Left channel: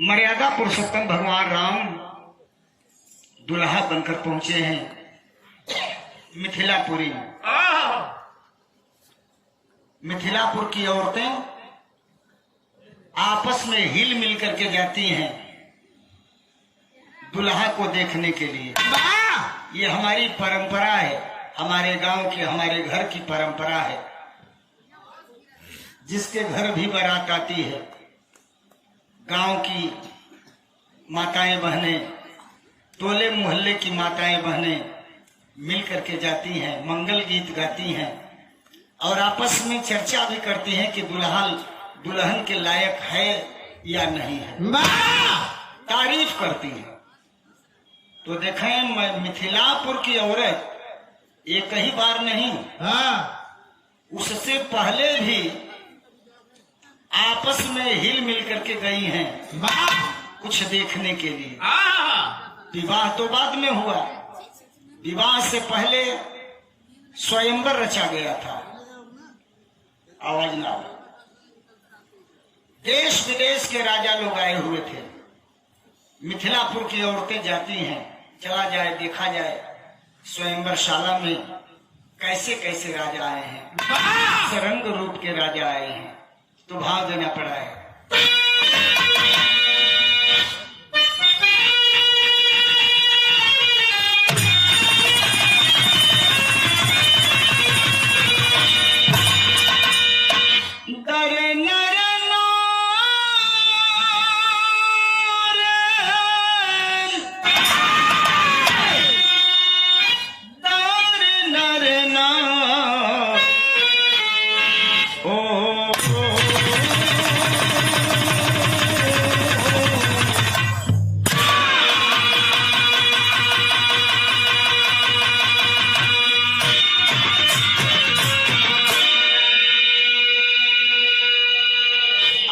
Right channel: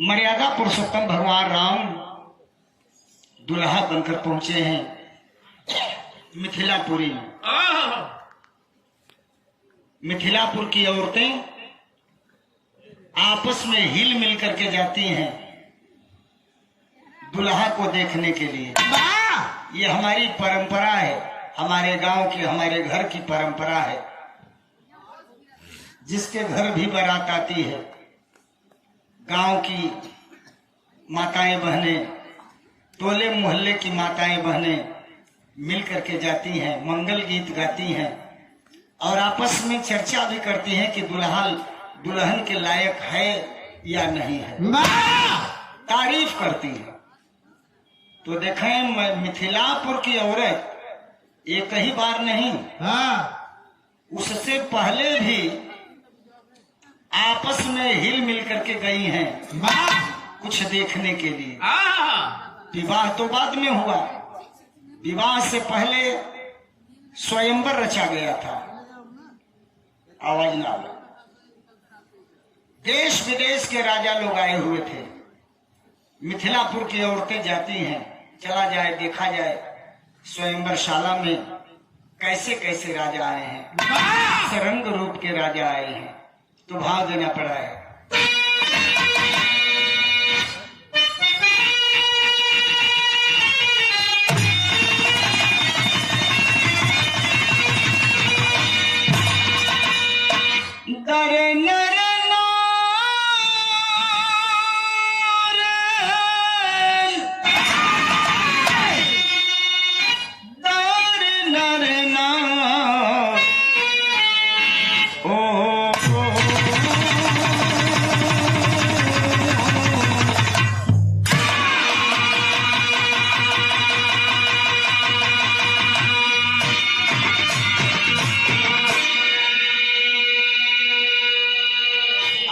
मर्यादा पुरुषोत्तम भगवान राम दुल्हा बनकर पहुंचे हैं मिथिलापुरी में। मिथिलापुर की औरतें आपस में हिल मिल करके जाती हैं दुल्हा को देखने के लिए। ये हमारी परंपरा है, हमारे गांव की, हमारे घर की परंपरा है। जिसके घर भी बारात आती है, गांव की माताएं बहनें, टोले मोहल्ले की माताएं बहनें मिल करके जाती हैं, मंगल गीत गाती हैं और आपस में चर्चा भी करती हैं कि दुल्हन के लायक है या नहीं है, तारीफ करती है। तो देखें मिथिलापुर की औरत एक ही बार नहीं, उससे पहले भी आपस में हिल मिल करके गई हैं कुछ देखने के लिए। विवाह तो बाद में हुआ, विवाह से पहले स्वयंवर रचा गया था। आवाज ना, देश विदेश के राजा लोग आए हुए थे। मिथिलापुर की औरतें जाती हैं, चला जाए देखा जाए स्वयंवर शाला में कैसे कैसे राजा आए हैं, सरंग रूप के राजा आए हैं, तो भाव देना पड़ा है।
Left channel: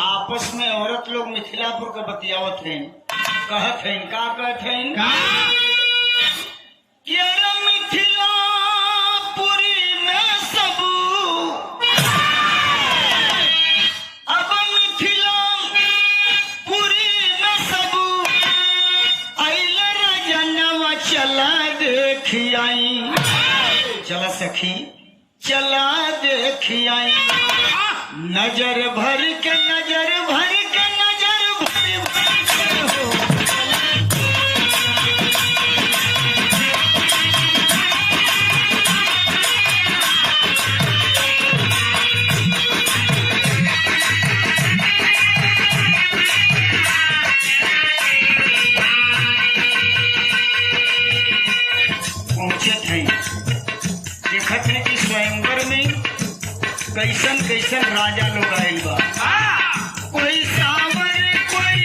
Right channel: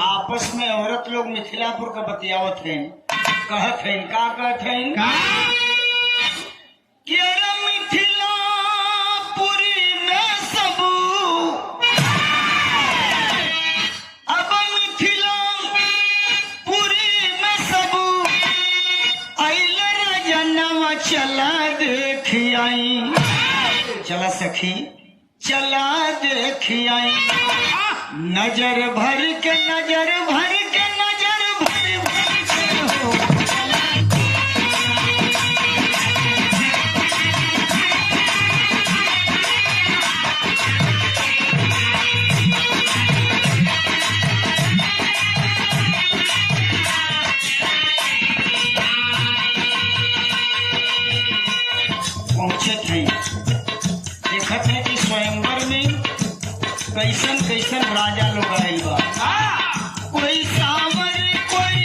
आपस में औरत लोग मिथिलापुर का बतियावत हैं, कहत हैं, का कहत हैं कि अरे मिथिलापुरी में सब, अब मिथिलापुरी में सब आइल राजनवा, चला देखी आई, चला सखी चला देखी आई, नजर भर के नजर भर के नजर भर भर के हो। पहुंचे थे, देखत है कि स्वयंवर में कैसन कैसन राजा लोग आयल बा, कोई सावर कोई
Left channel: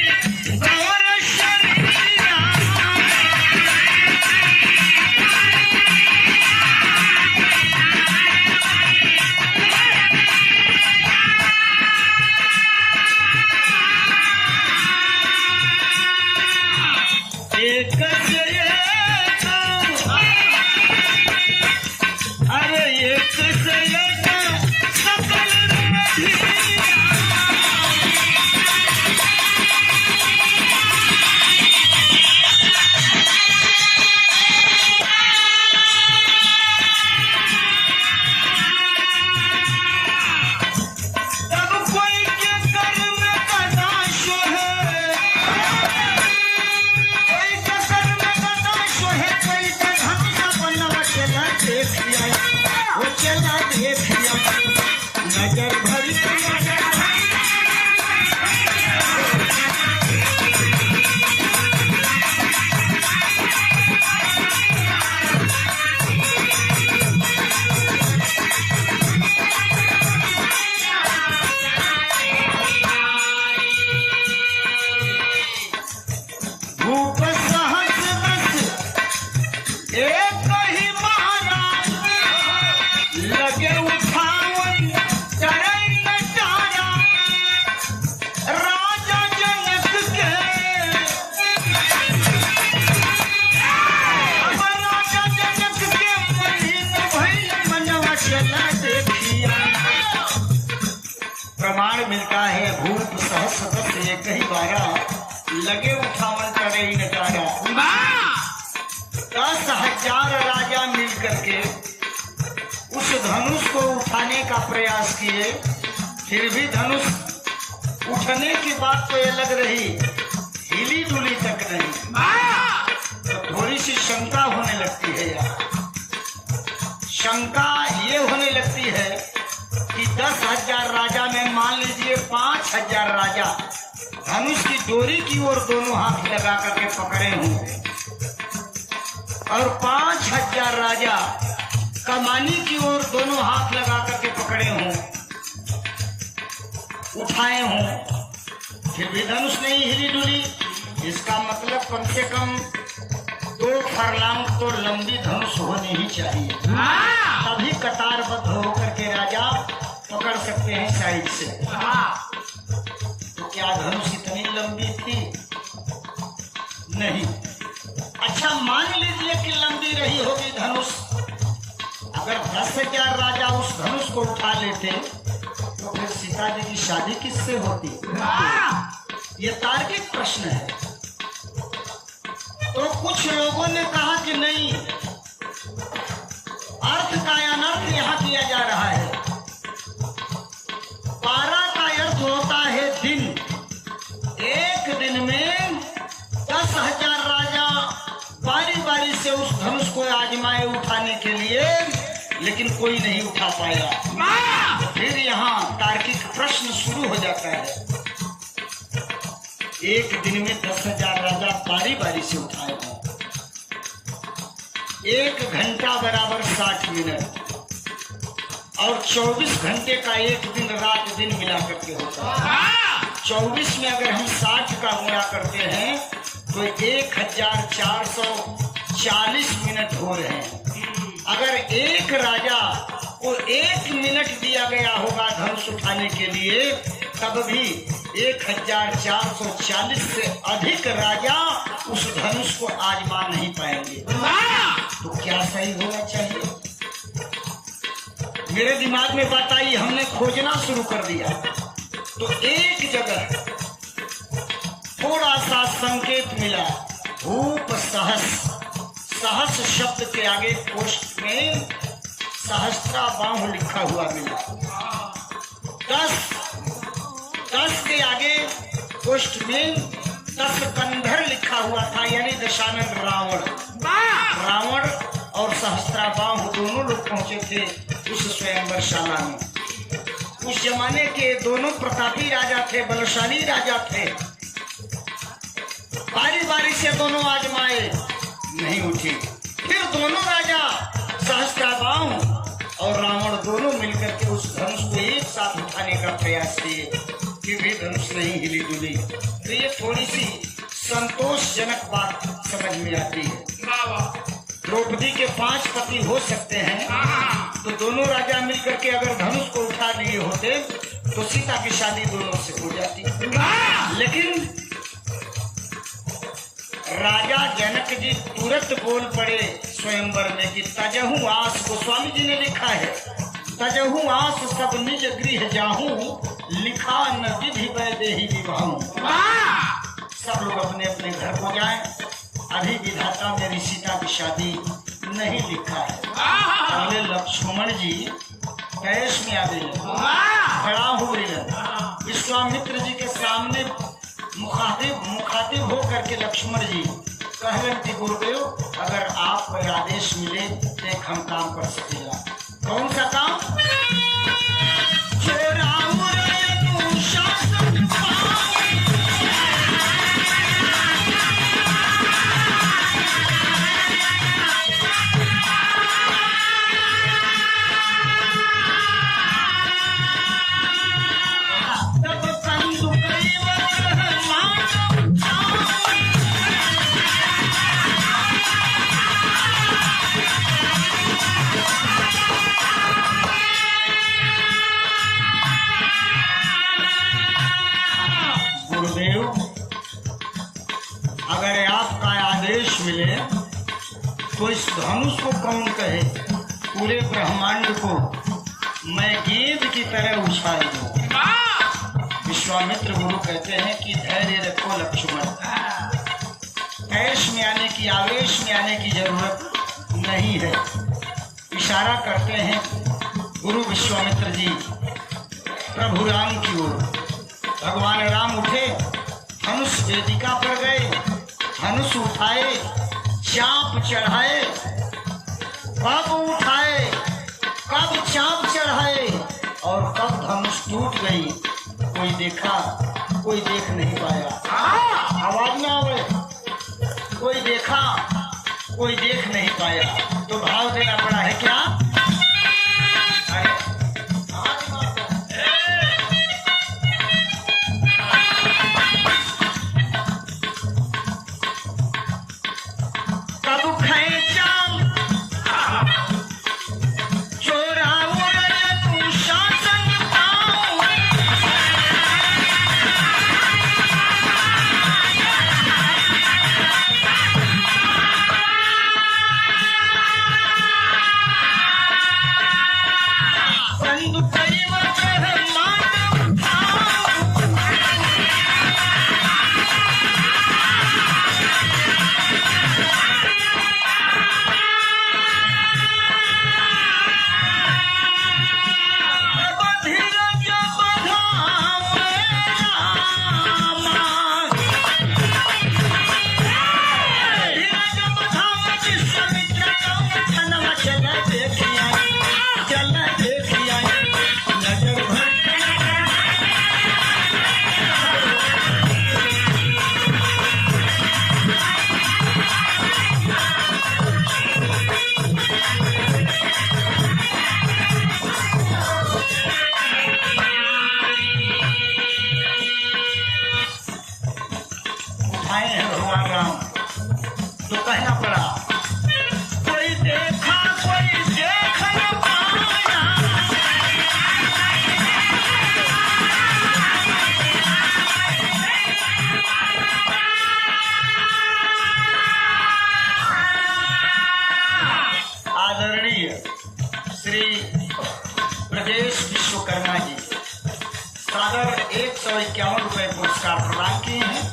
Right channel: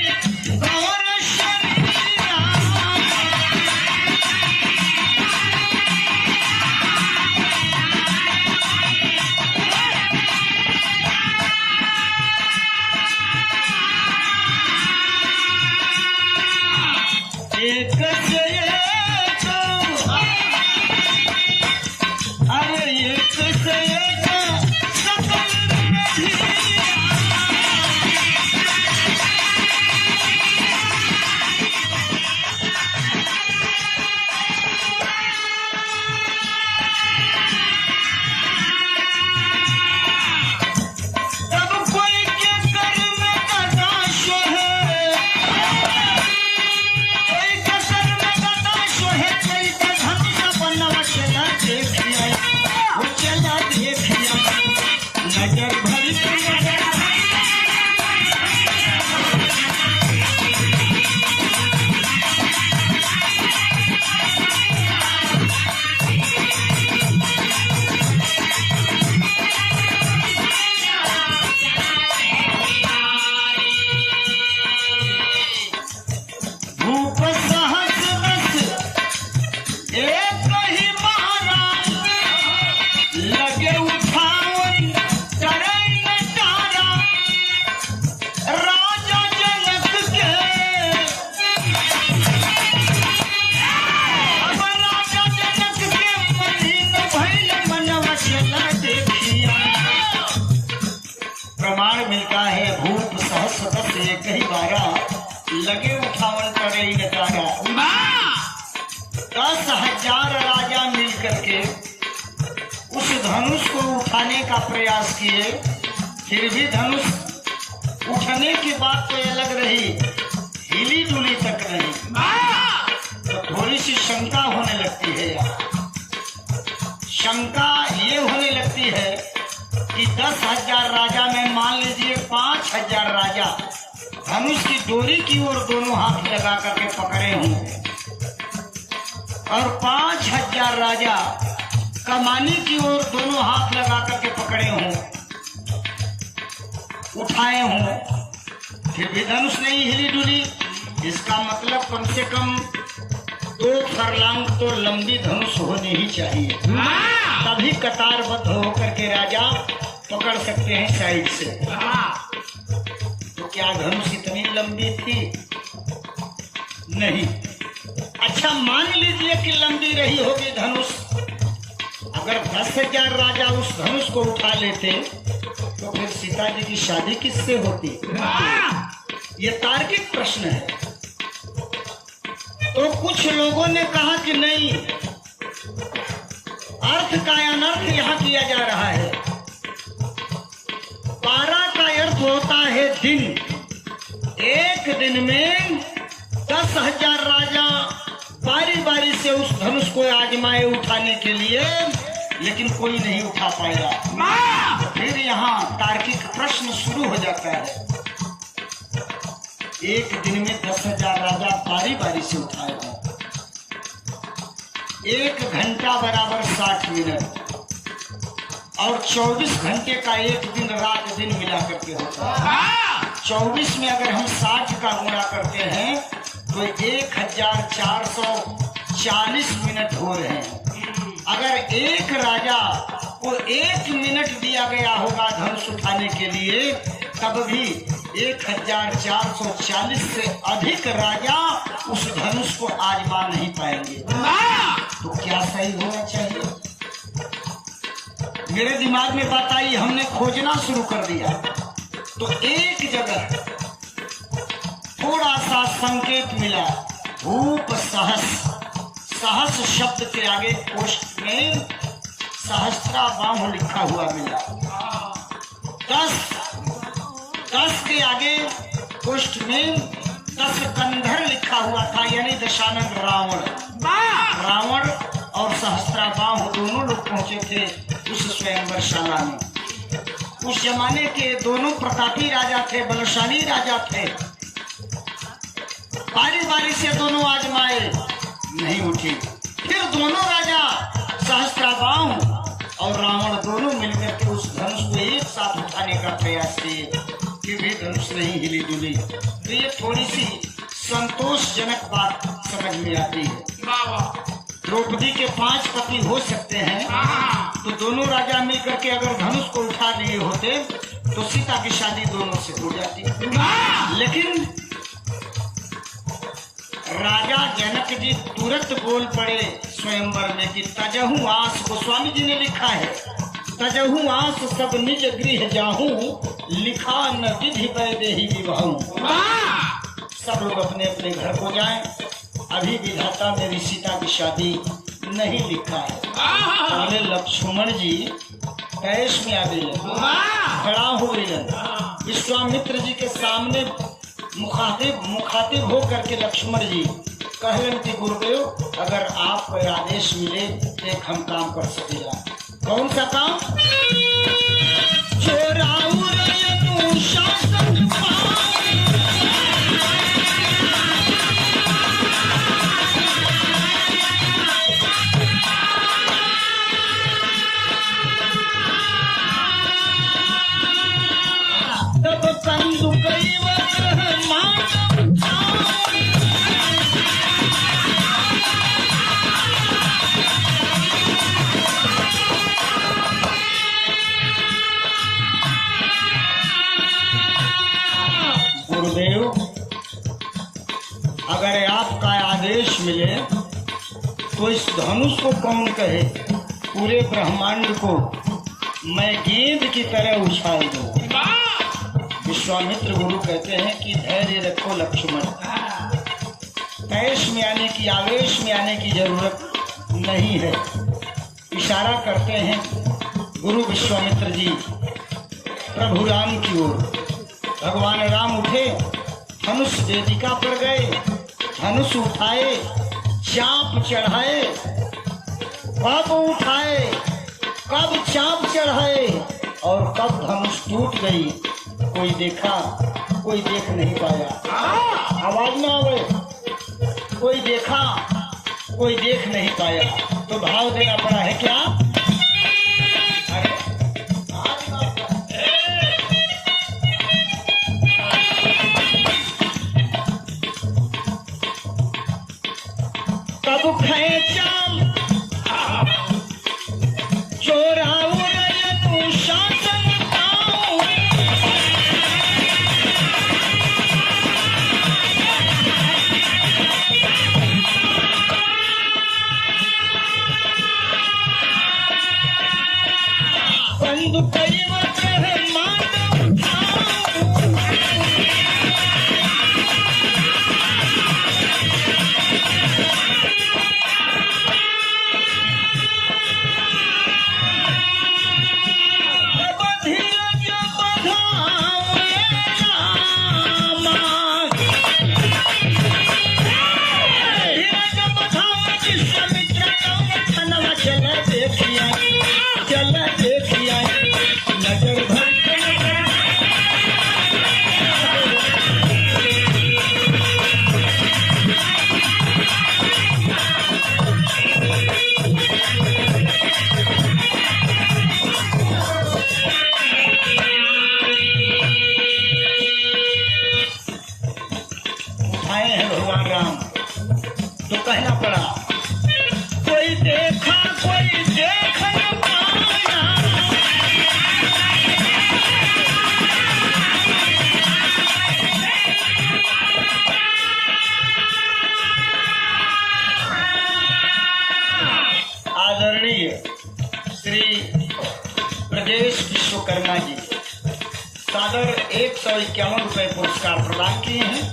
गौर शरीरा, एक से एक, अरे एक से एक किए, फिर भी धनुष उठने की बात तो ये लग रही, हिली डुली तक नहीं। तो थोड़ी सी शंका होने लगती है यार। शंका ये होने लगती है कि 10,000 राजा में मान लीजिए 5,000 राजा धनुष की डोरी की ओर दोनों हाथ लगा करके पकड़े होंगे, और 5,000 राजा कमानी की ओर दोनों हाथ लगा करके पकड़े हों, उठाए हों, फिर भी धनुष नहीं हिली डुली। इसका मतलब कम से कम 2 फरलांग तो लंबी धनुष होनी ही चाहिए, तभी कतारबद्ध होकर के राजा पकड़ सकते हैं साइड से। तो क्या धनुष इतनी लंबी थी? नहीं। अच्छा, मान लीजिए कि लंबी रही होगी धनुष, अगर 10,000 राजा उस धनुष को उठा लेते तो फिर सीता जी की शादी किससे होती? ये तार्किक प्रश्न है। तो कुछ लोगों ने कहा कि नहीं, अर्थ का अनर्थ यहाँ किया जा रहा है। पारा का अर्थ होता है दिन। एक दिन में 10,000 राजा बारी बारी से उस धनुष को आजमाए उठाने के लिए, लेकिन कोई नहीं उठा पाएगा। फिर यहाँ तार्किक प्रश्न शुरू हो जाता है। एक दिन में 10,000 राजा बारी बारी से उठाएगा। 1 घंटा बराबर 60 मिनट, और 24 घंटे का एक दिन रात दिन मिला करके होता है। 24 में अगर हम 60 का गुणा करते हैं तो 1,440 मिनट हो रहे हैं। अगर एक राजा को 1 मिनट दिया गया होगा धनुष उठाने के लिए, तब भी 1,440 से अधिक राजा उस धनुष को आजमा नहीं पाएंगे। तो क्या सही होना चाहिए? मेरे दिमाग में बात आई, हमने खोजना शुरू कर दिया। तो एक जगह थोड़ा सा संकेत मिला, भूप सहस। सहस शब्द के आगे कोष्ठ में सहस्त्राबाहु लिखा हुआ मिला। 10 के आगे कोष्ठ में 10 कंधर लिखा हुआ था, यानी दशानन रावण। रावण और सहस्त्राबाहु दोनों लोग पहुंचे थे उस स्वयंवरशाला में। उस जमाने के दोनों प्रतापी राजा थे, बलशाली राजा थे। बारी बारी से दोनों आजमाए, नहीं उठी। फिर दोनों राजा सहस्त्राबाहु और रावण दोनों मिलकर के उस धनुष को एक साथ उठाने का प्रयास किए, फिर भी धनुष नहीं हिली डुली। तो ये थोड़ी सी संतोषजनक बात समझ में आती है। द्रौपदी के 5 पति हो सकते हैं, तो दोनों राजा मिलकर के अगर धनुष को उठा लिए होते तो सीता की शादी दोनों से हो जाती। लेकिन राजा जनक जी तुरंत बोल पड़े स्वयंवर में कि तजहु आस, को स्वामी जी ने लिखा है, तजहु आस सब निज गृह जाहू, लिखा न विधि वैदेही विवाहू। सब लोग अपने अपने घर को जाएं, अभी विधाता मेरी सीता की शादी नहीं लिखा है। पहले लक्ष्मण जी कैश में आ गए, खड़ा हो गए, विश्वामित्र जी के सामने मुखातिब हो करके लक्ष्मण जी कहलन कि गुरुदेव, अगर आप आदेश मिले तो एक हम काम कर सकेगा। कौन सा काम? गुरुदेव, अगर आपका आदेश मिले तो इस धनुष को कौन कहे, पूरे ब्रह्मांड को मैं गेंद की तरह उछाल दूं। विश्वामित्र गुरु कहते हैं कि धैर्य रखो लक्ष्मण, कैश में आने की, आवेश में आने की जरूरत नहीं है। इशारा करते हैं गुरु विश्वामित्र जी प्रभु राम की ओर। भगवान राम उठे, धनुष वेदिका पर गए, धनुष उठाए, चाप चढ़ाए, कब उठाए, कब चाप चढ़ाए और कब धनुष टूट गई, कोई देखा, कोई देख नहीं पाया। आवाज में आवे, कोई देखा, कोई देख नहीं पाया। तो भाव देना पड़ा है क्या? कब खाए चाल चोरा शासन पाओ, बंधु परिवर मान तो कहना पड़ा, कोई देखा, कोई देख न पाया। आदरणीय श्री ब्रजेश विश्वकर्मा जी सादर 151 रुपए पुरस्कार प्रदान किए हैं।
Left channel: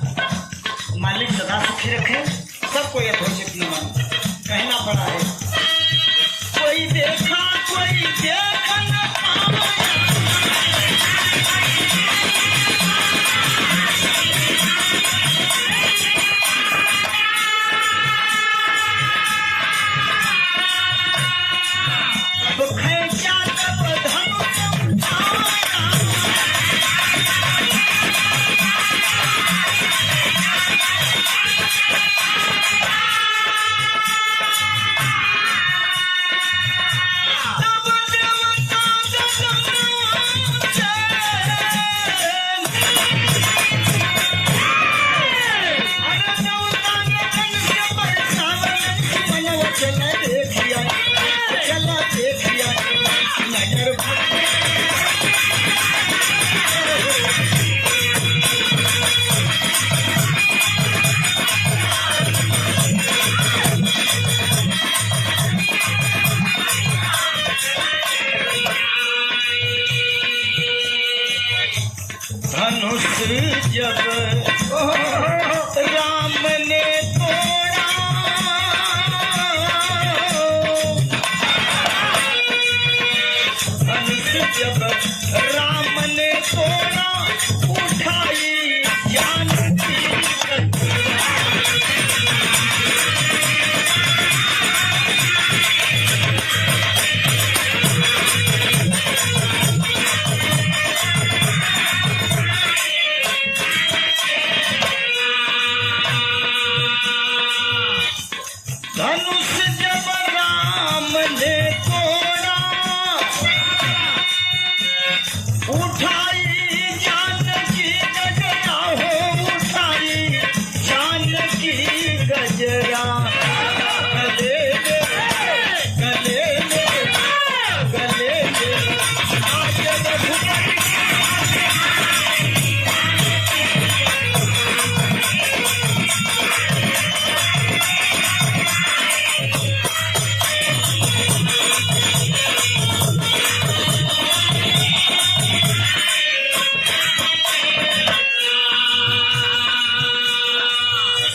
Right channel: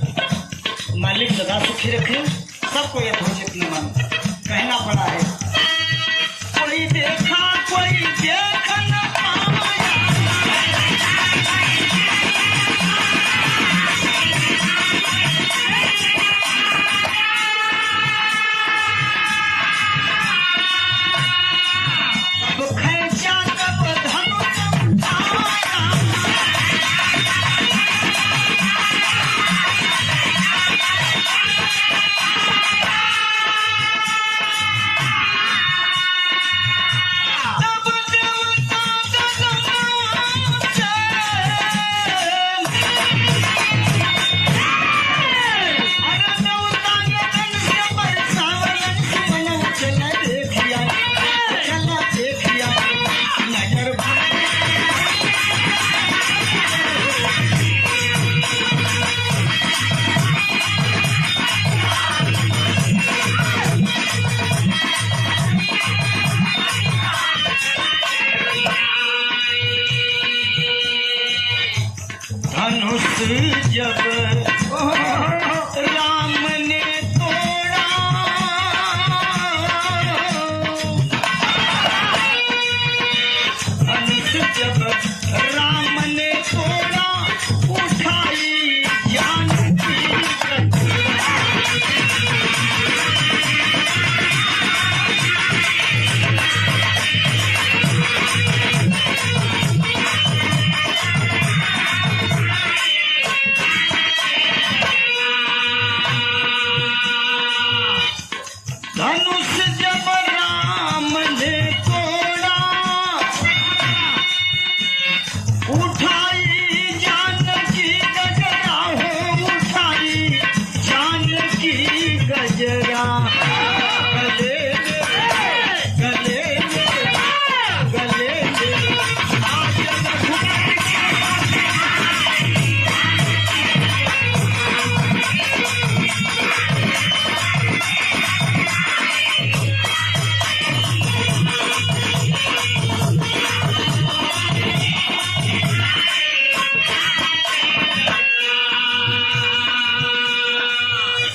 मालिक सदा सुखी रखे, सबको यथोचित नमन। कहना पड़ा है, कोई देखा, कोई देख न पाया। अब खैचा कब धनुष जब राम ने तोड़ा, धनुष जब राम ने तोड़ा, उठाई जान की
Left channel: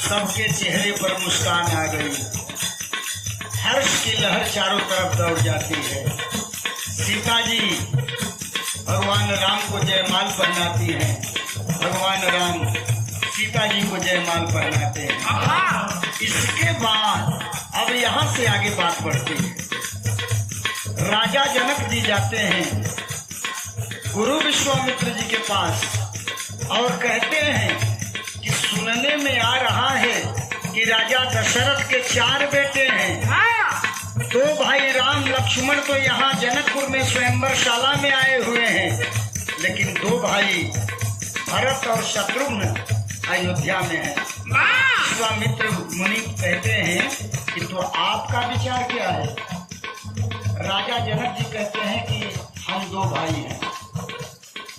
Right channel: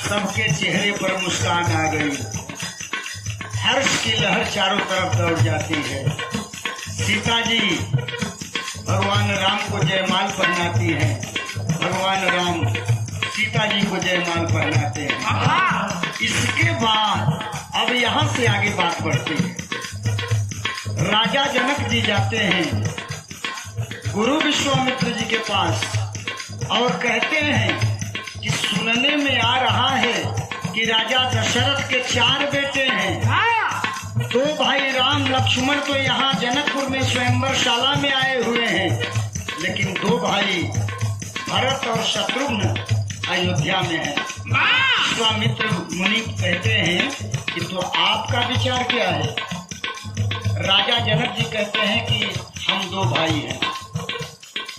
सबके चेहरे पर मुस्कान आ गई। हर्ष की लहर चारों तरफ दौड़ जाती है। सीता जी भगवान राम को जयमाल पहनाती हैं, भगवान राम सीता जी को जयमाल पहनाते हैं। इसके बाद अब यहाँ से आगे बात बढ़ती है। राजा जनक जी जाते हैं गुरु विश्वामित्र जी के पास और कहते हैं कि सुनने में आ रहा है कि राजा दशरथ के 4 बेटे हैं। 2 भाई राम लक्ष्मण तो यहाँ जनकपुर में स्वयंवर शाला में आए हुए हैं, लेकिन 2 भाई भरत और शत्रुघ्न अयोध्या में हैं। विश्वामित्र मुनि कहते हैं कि तो आपका विचार क्या है? राजा जनक जी कहते हैं कि हम 2 भाई हैं।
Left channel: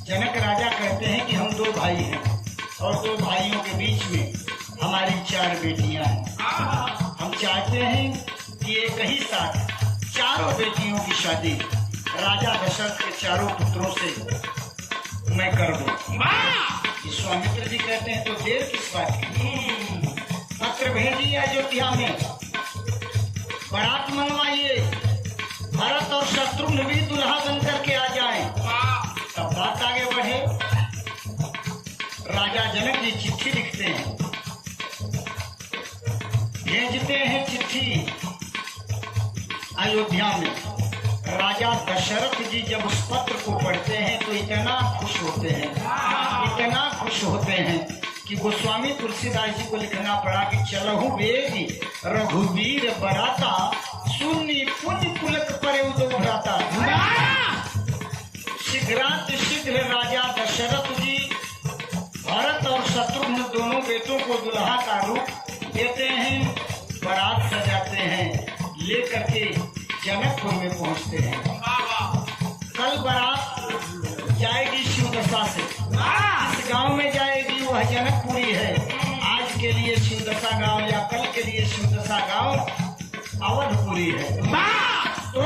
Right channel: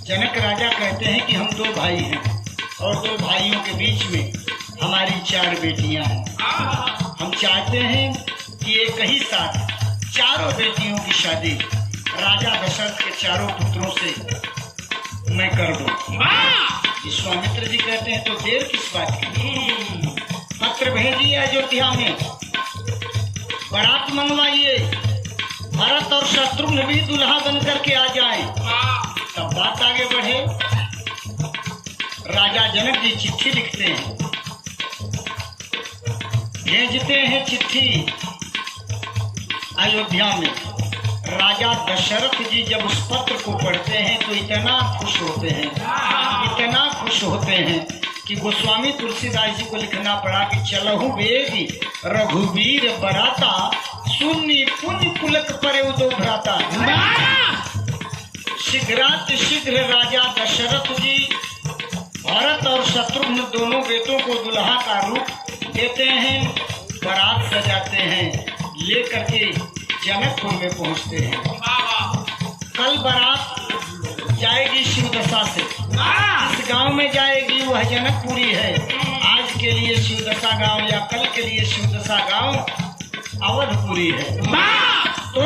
जनक राजा कहते हैं कि हम 2 भाई हैं और 2 भाइयों के बीच में हमारी 4 बेटियां हैं। हम चाहते हैं कि एक ही साथ 4 बेटियों की शादी राजा दशरथ के 4 पुत्रों से मैं कर दूं। विश्वामित्र जी कहते हैं तो देर किस बात की? पत्र भेजिए अयोध्या में, बारात मंगवाइए, भरत और शत्रुघ्न भी दुल्हा बन करके आ जाए, तब बात आगे बढ़े। राजा जनक जी चिट्ठी लिखते हैं, भेजते हैं चिट्ठी अयोध्या में। राजा दशरथ जी जब उस पत्र को पढ़ते हैं तो इतना खुश होते हैं, इतना खुश होते हैं कि गोस्वामी तुलसीदास जी को लिखना पड़ा कि चलहु बेगी रघुवीर बराता, सुन्नी पुण्य पुलक परे उदो भ्राता। शीघ्र राजा दशरथ जी भरत और शत्रुघ्न दोनों बेटों को दुल्हा का रूप देते हैं, बारात सजाते हैं, लेकर के जनकपुर में पहुंचते हैं। कल बारात जाएगी शिवदशा से, इस गांव में जाएगी वह जनकपुरी है। आज के लिए शिवदशा गांव या कल के लिए शिवदशा गांव अवधपुरी है। तो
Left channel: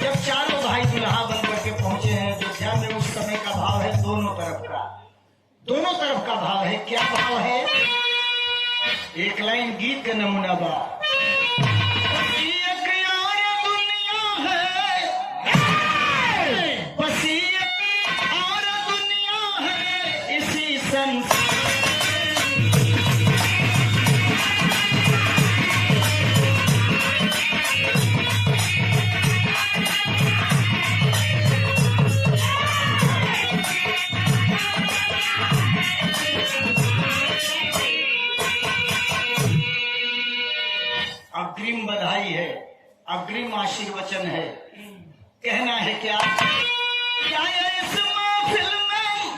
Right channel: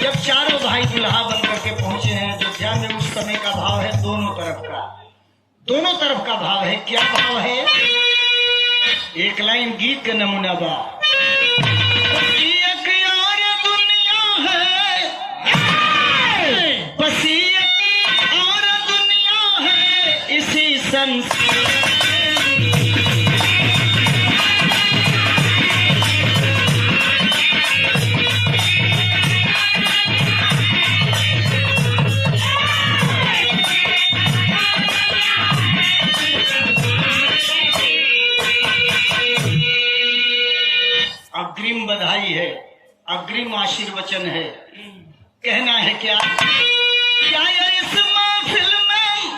जब 4 भाई दुल्हा बन करके पहुंचे हैं अयोध्या में, उस समय का भाव है दोनों तरफ का भाव है। क्या भाव है? एक लाइन गीत का नमूना बा, एक यार दुनिया है, बस एक और दुनिया है इसी संसार। अग्रिम बधाई है, अग्रिम आशीर्वचन है। कहना है क्या आया इस महफिल में,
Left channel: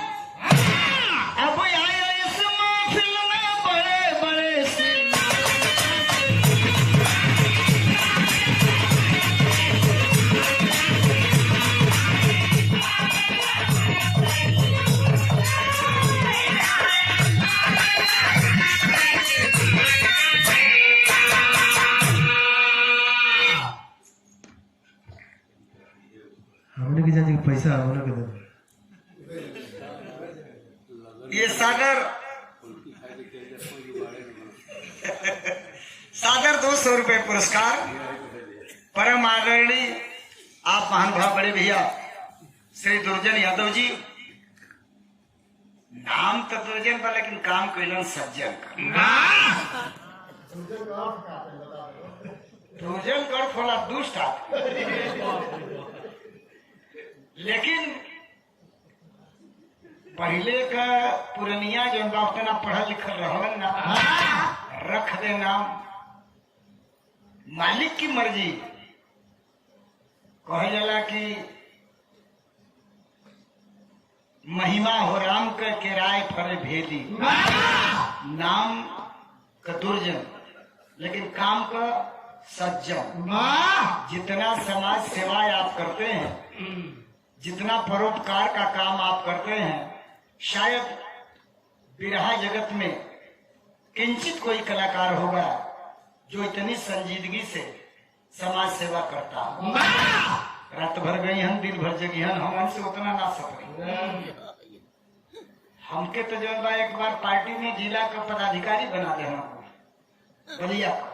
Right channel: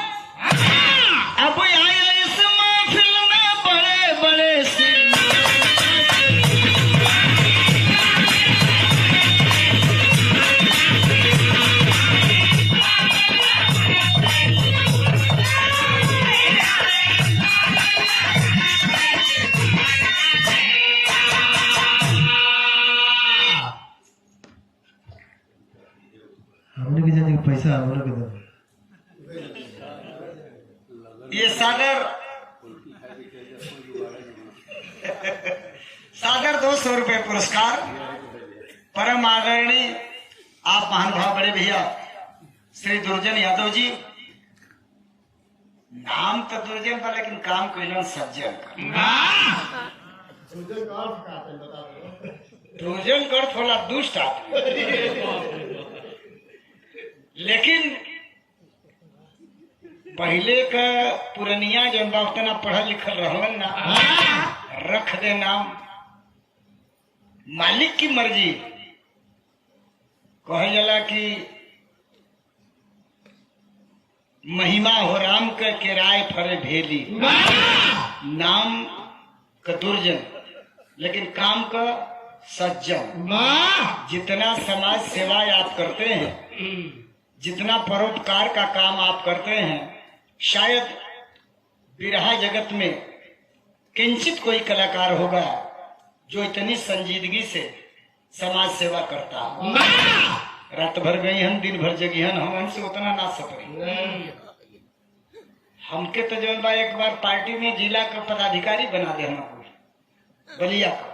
अब आया इस महफिल में बड़े बड़े से। हमने की जाती पैसा हमने के दे। ये सागर 200 रुपए पुरस्कार परम आदरणीय आप महानुभाव बड़े भैया श्री दुर्जन यादव जी। नाम तो दुर्जन का लेकिन काम कैलन सज्जन का। दुर्जन कर थोड़ा दुष्ट आदमी, लेकिन पहले का पुरनिया जो उतना पढ़ल लिखल रहलन ना, रख दे नाम, मालिक की मर्जी। कहे जाला कि महिमा हो राम का किराए फरे भेली, नाम का दुर्जन लेकिन काम का सज्जन। जितना समाज सेवा आप करते हैं, जितना परोपकार का काम आप करते हैं, शायद बिरहा जगत में किंचित कोई कलाकार होगा जो इतनी संजीदगी से समाज सेवा करता। रात भर गई हन, दिन भर जगी हन, हम हमसे उतना ना सके। हमके तो जो एक बार पार्टी में जिला का पदाधिकारी बना दे बलिया का।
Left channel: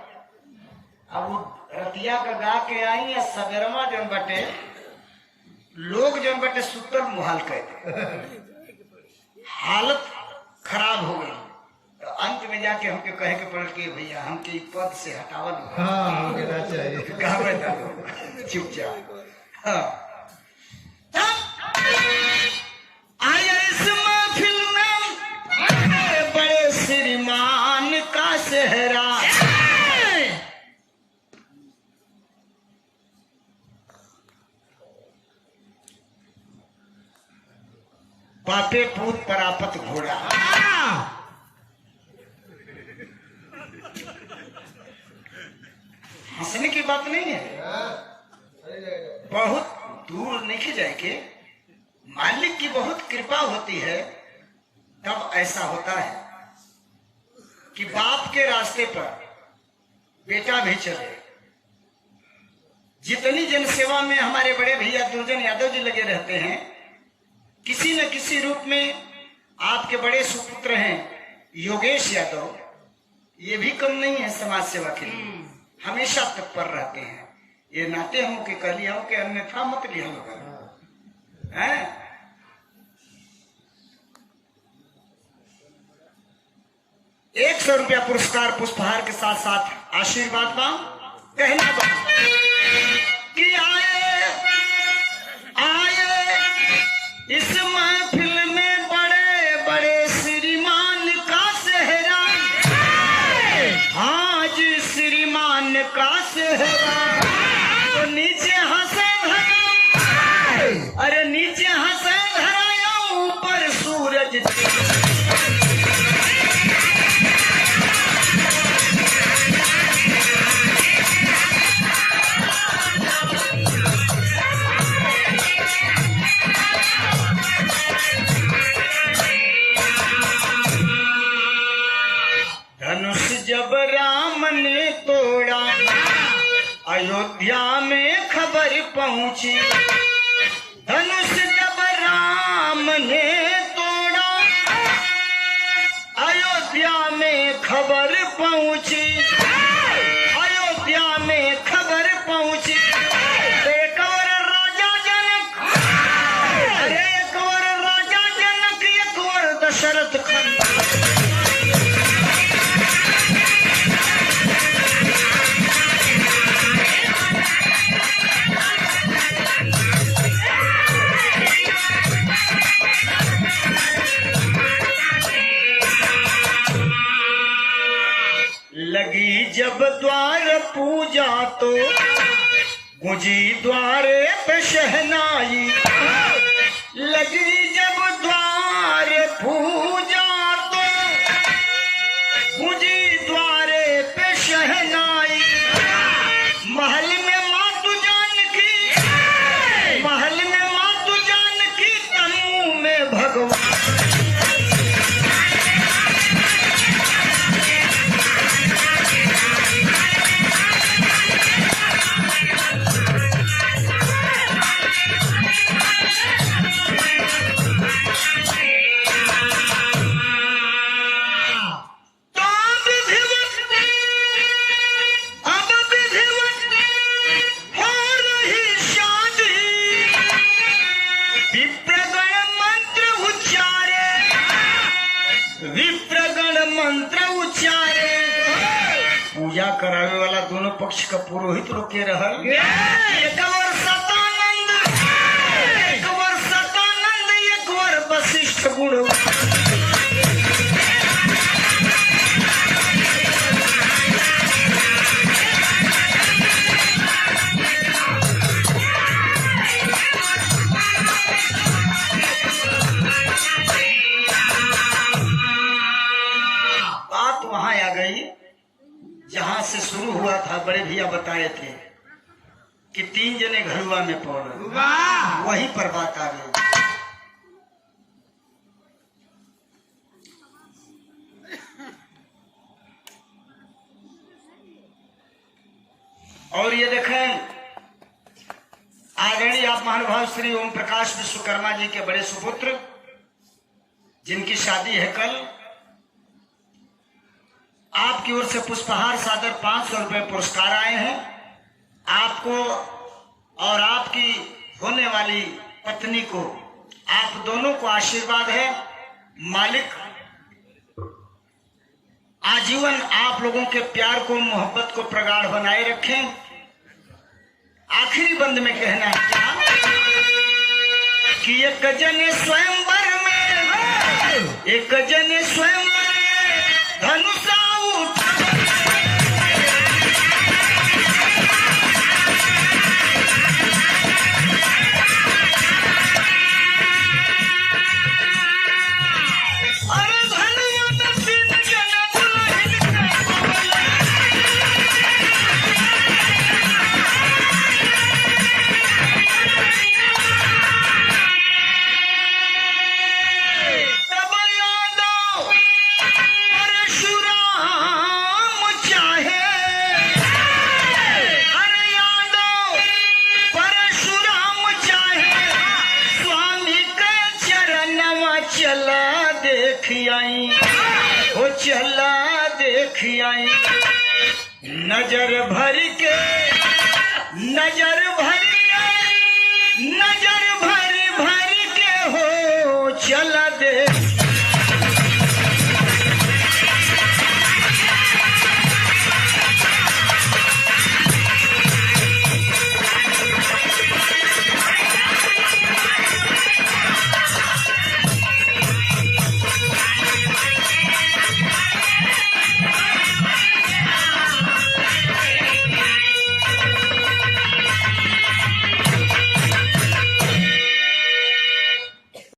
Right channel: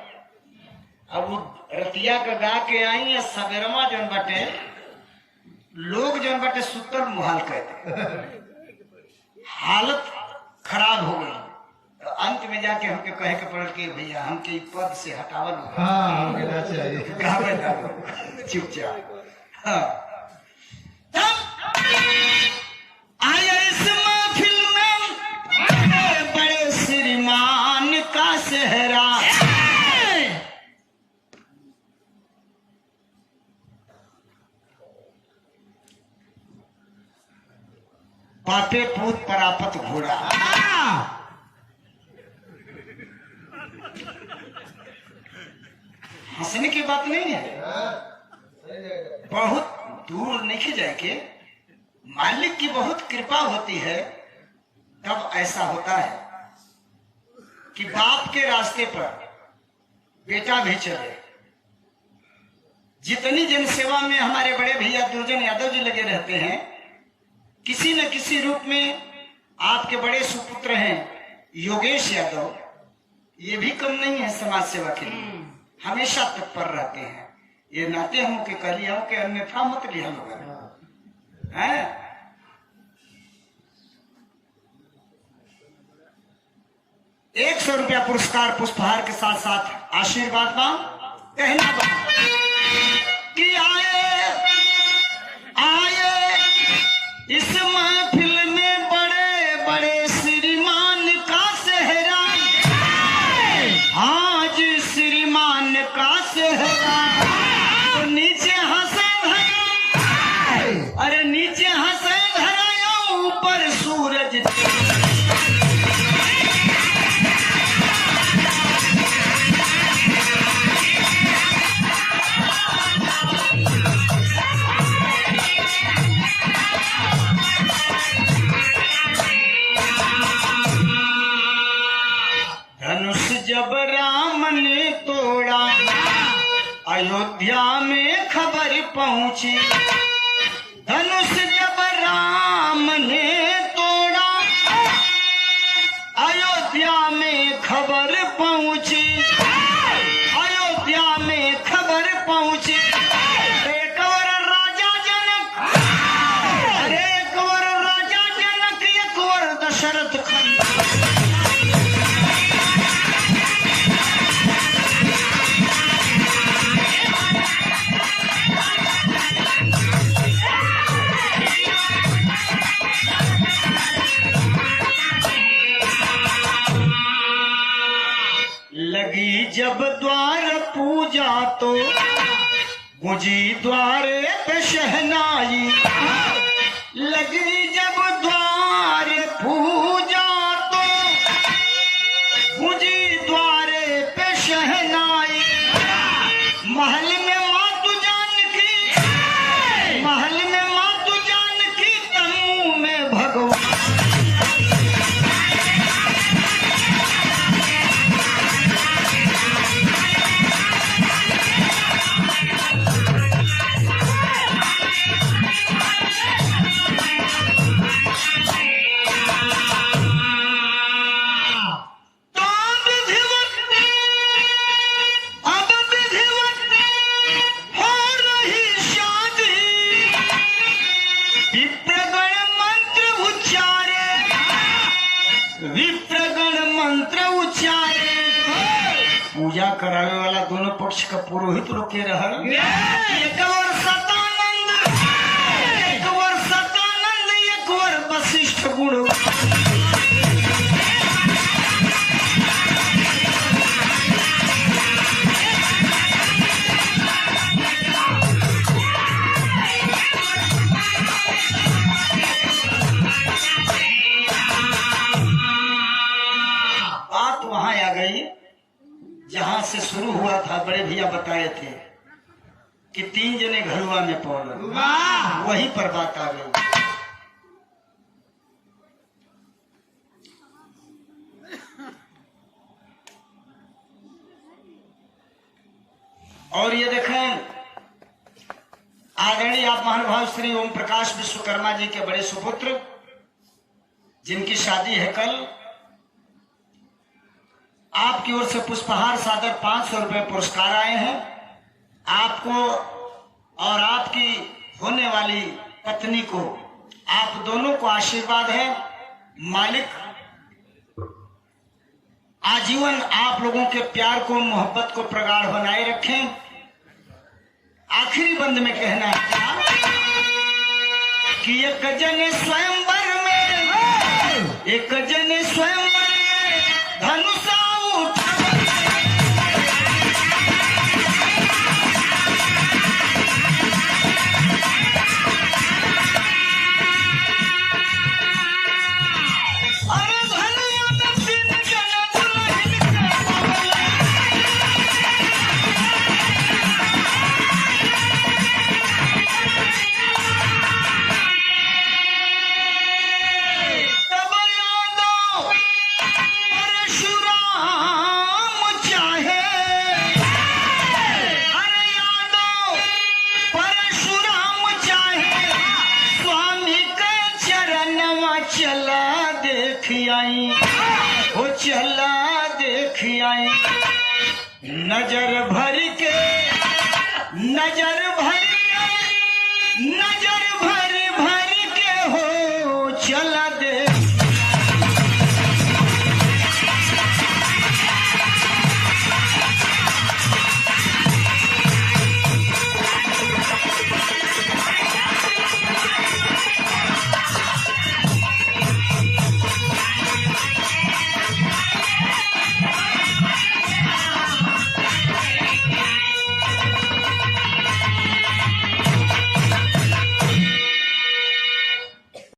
अब वो रतिया का गा के आई है, सवेरमा जो बटे लोग जो बटे सुतर मुहाल कहते, हालत खराब हो गई। तो अंत में जाके हमके कहे के पड़ल कि भैया हमके पद से हटावल चुपचाप। हाँ, आया इस महफिल में बड़े बड़े श्रीमान का सेहरा, पापे पूत परापत घोड़ा। हंसने की बात नहीं है, बहुत दूर नहीं जाए के मालिक की बहुत कृपा होती है, तब ऐसा होता है कि बाप के रास्ते पर बेटा भी चले। जितनी जनसेवा में हमारे बड़े भैया दुर्जन यादव जी लगे रहते हैं, किसी न किसी रूप में आपके बड़े सुपुत्र हैं योगेश यादव, ये भी कम नहीं है समाज सेवा के लिए, हमेशा तत्पर रहते हैं। ये नाते हूं कि कह लिया कि अन्यथा मत लिया है। 100 रुपया पुरस्कार पुष्पहार के साथ साथ आशीर्वाद का कहना कि आए इस महफिल में बड़े बड़े श्रीमान का सेहरा, आज श्रीमान का सेहरा। तो नीचे हंसे धरा, अरे नीचे हंसे धरा या ऊपर सूरज। जब राम ने तोड़ा अयोध्या में खबर पहुंची, धनुष जब राम ने तोड़ा अयोध्या में खबर पहुंची, अयोध्या में खबर पहुंची। एक और राजा जनक, एक और राजा जनक, एक और दशरथ लगी जब द्वार पूजा तो गुजी द्वारे पे शहनाई। लगी जब द्वार पूजा तो गुजी द्वारे पे शहनाई। महल में मातु जानकी, महल में मातु जानकी, तनु में भगवान। विप्रगण मंत्र उच्चारे, पूजा करावे वाला दोनों पक्ष का पुरोहित रोके रहल। एक और सतानंद, एक और सतानंद, एक और वशिष्ठ गुरु। जहां से शुरू हुआ था, बड़े भैया बताए थे कि 3 जने घरवा में पौड़, वहीं पर बात आ गई। और ये देखें, आदरणीय आप महानुभाव श्री ओम प्रकाश विश्वकर्मा जी के बड़े सुपुत्र, जिनकी शादी है कल, आपकी ओर से पुष्पहार सादर 500 रुपए पुरस्कार आए हैं। आपको और आपकी होने वाली पत्नी को, आप दोनों को आशीर्वाद है। मालिक आजीवन आप लोगों के प्यार को, मोहब्बत को प्रगाढ़ बनाए रखें। आखिरी बंद में कहना है कि एक जन स्वयंवर में, एक जन स्वयंवर में धनुषा चला देख आई, नजर भर के, नजर भर